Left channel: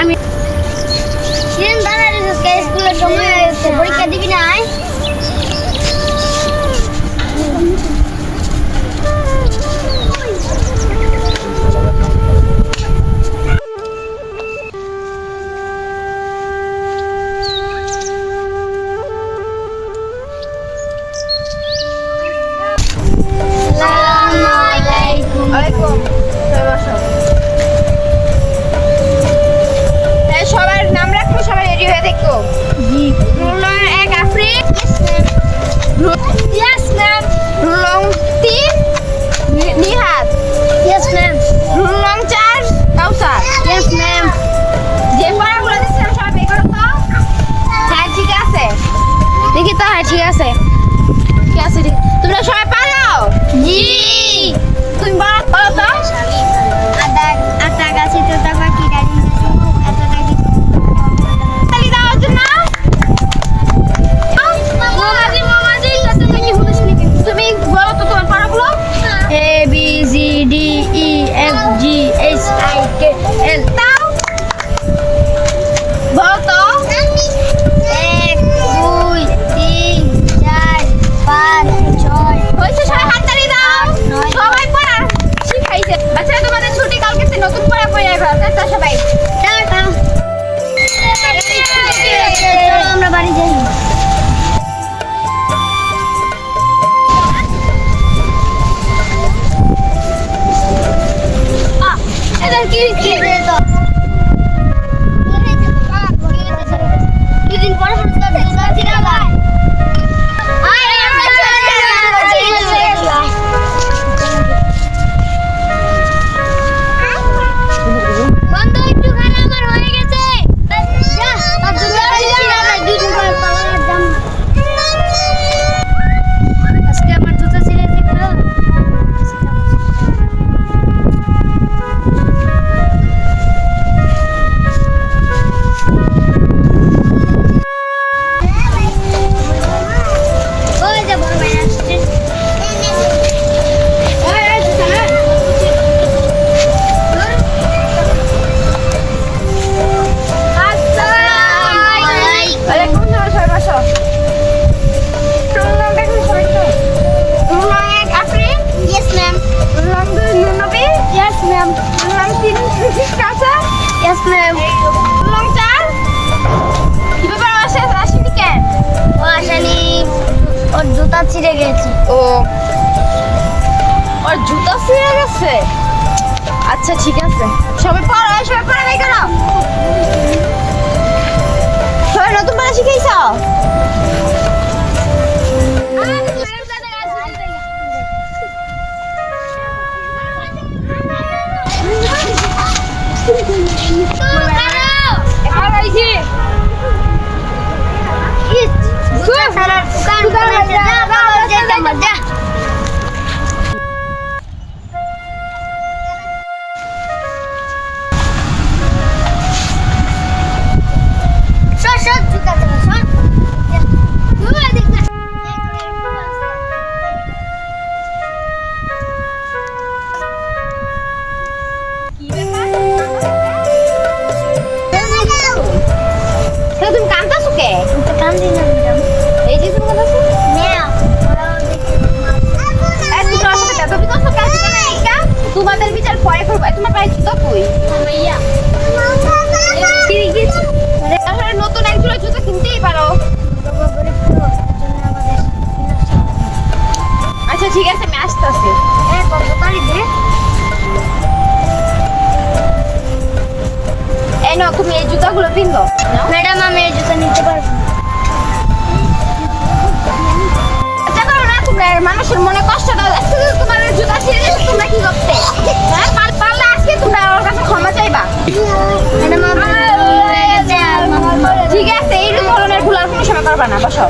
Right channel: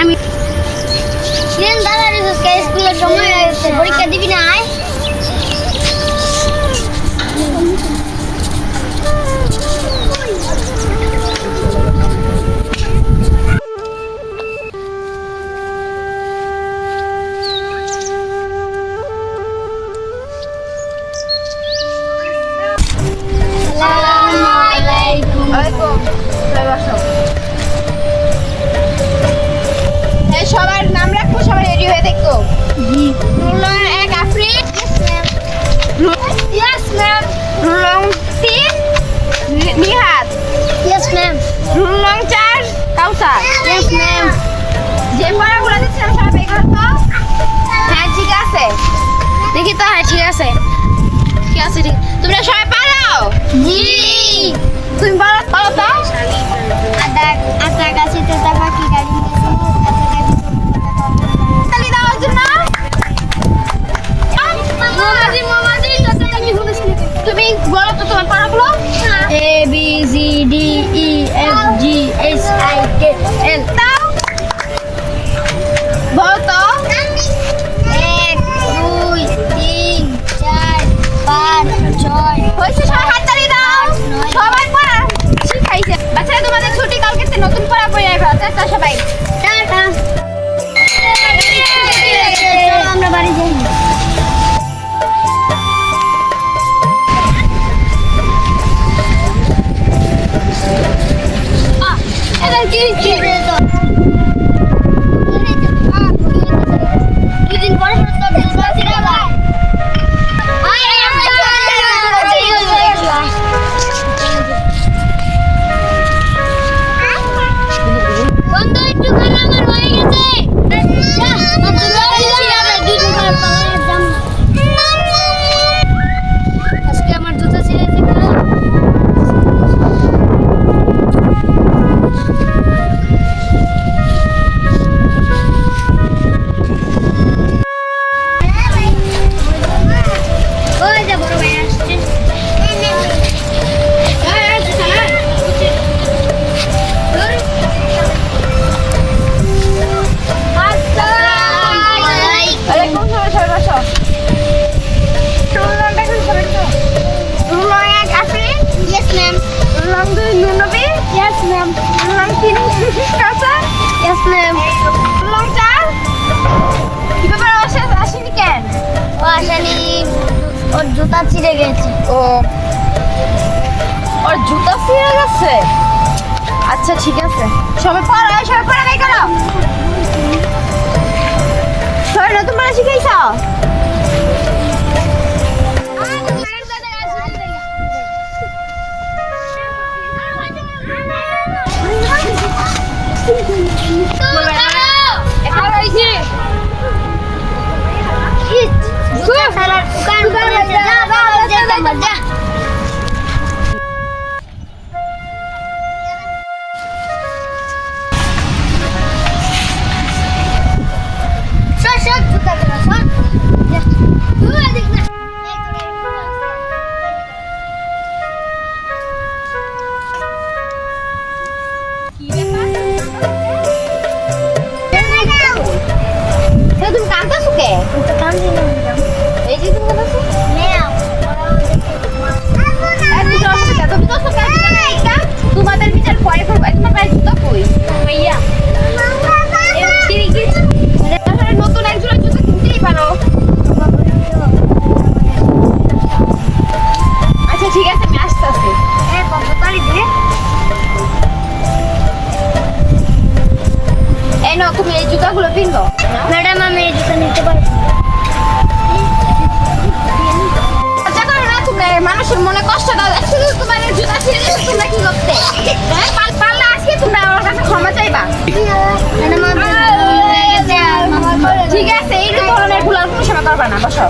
আমি স্কুলের সময় পরীক্ষা দিবি না? তো হ্যাঁ ঠিক আছে। ঠিক আছে ঠিক। তোমরা সবাই পালাও? জি। তুমি পারো পালাও তো? আদা আটা গাছে তোতা ও। ওর জুতা ছিঁড়ে গেছে। আচ্ছা ঠিক আছে। সবাই পড়ো সবাই পড়া বাই করো। সবাই নতুন পড়া শিখাইছ? এখন হয়েছে মজা সর সর জুতা তোরা সর যা। ঘুরে দেখ না। তো তুমি কান্তাছো কে আমি তো কান দিলাম কত বিকজ কাজ করে এইটা তোমাদের বিচার পরে করব। তোমার পায়ে জুতো কই? ভাইয়া। নতুন এক জোড়া জুতো কিনতেই পারো। আচ্ছা ঠিক আছে আমি আসতেছি। এ, কত পারি? এই নাও তুমি এই জুতাগুলো পিনবো ম্যাডাম আমি এই জুতা নিতে পারব মানুষের মনে কষ্ট দাও। শুধু তোমার জুতা ছিঁড়ে তোমরা কি করতে? হ্যাঁ পারলে আজকে তোমরা ওর কাছে ক্ষমা চাইবা। ঠিক আছে এই ধরনের ভুল আর কোনো সময় করবা না বসো।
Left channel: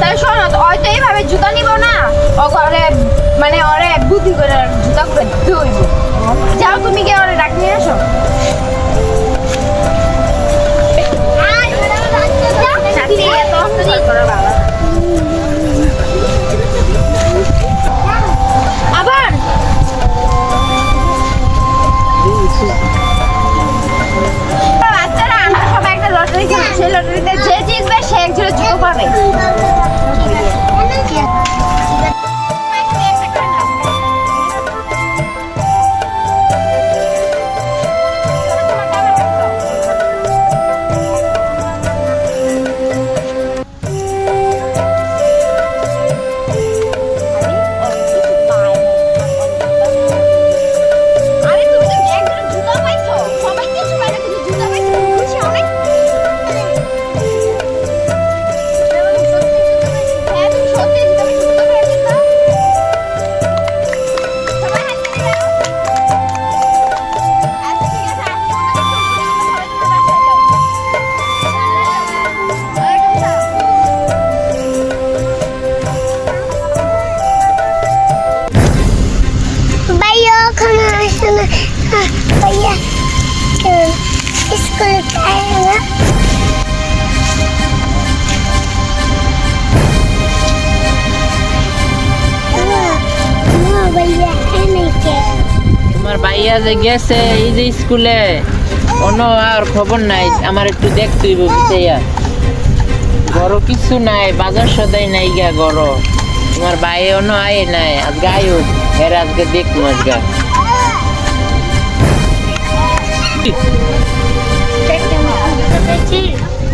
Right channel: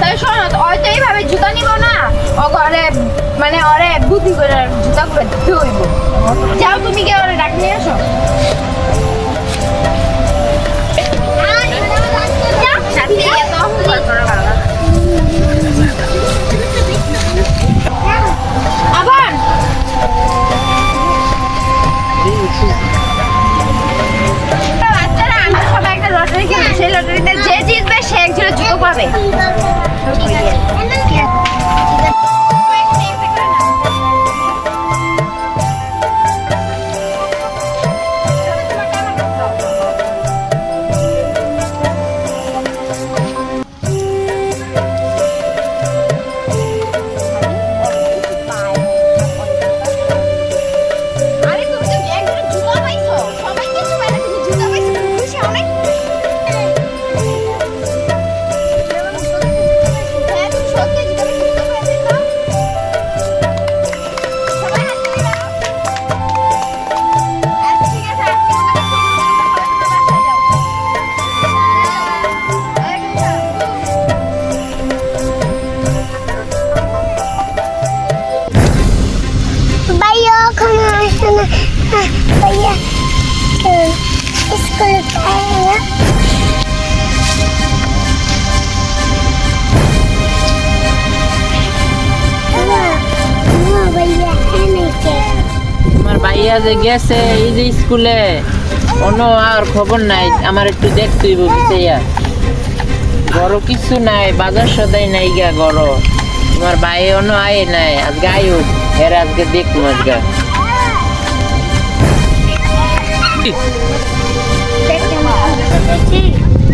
তাই শোনো হয়তো এইভাবে জুতা নিব না ও ঘরে মানে ওরে বুদ্ধি করে জুতা করে হইব। যাও তুমি গিয়ে ওরে ডাক নিয়ে আসো। আর ভাইয়া ওখানে আসে না। আহ, ভাইয়া যে গেছে এই যে স্কুলে অন্য আর খবর নাই আমার একটু দেখতে হইব বিচাইয়া বড় কিছু নাই বাজার সদাই নাই গা গড় তোমার ভাই অন্য আয় নাই আজকে আয়ুক এর আজকে দেখ আজকে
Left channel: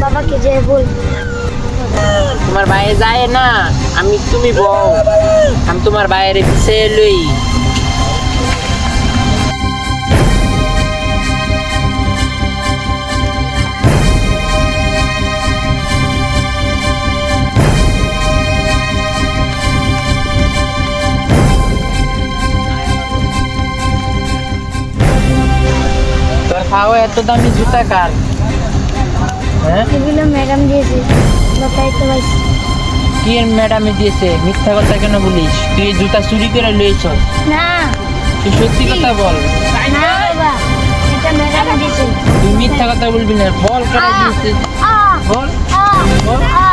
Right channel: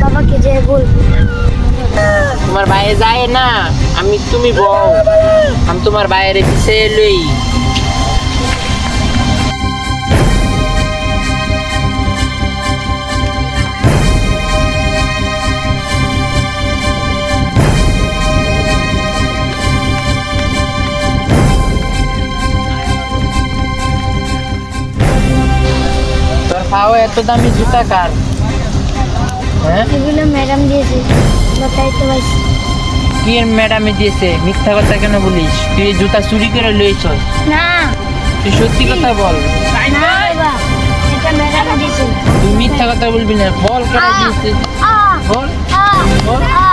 বাবাকে যে বল। তোমার বাইরে যায় না আমি তুমি বউ। আমি তোমার বাইরে পিছিয়ে লই। এত দামি জুতা কার হ্যাঁ এগুলো ম্যাডাম দিয়েছে বাতাইতে পারছি কি ম্যাডামে দিয়েছে মিথ্যা কথা কেন বলিস তুই জুতা চুরি করে লইছ না তুই সত্যি কথা বল তাই না না বাবা এটা ম্যাডাম দিয়েছে তুই মিথ্যা কথা বলবি না বল কেন দিয়েছে বল বল আ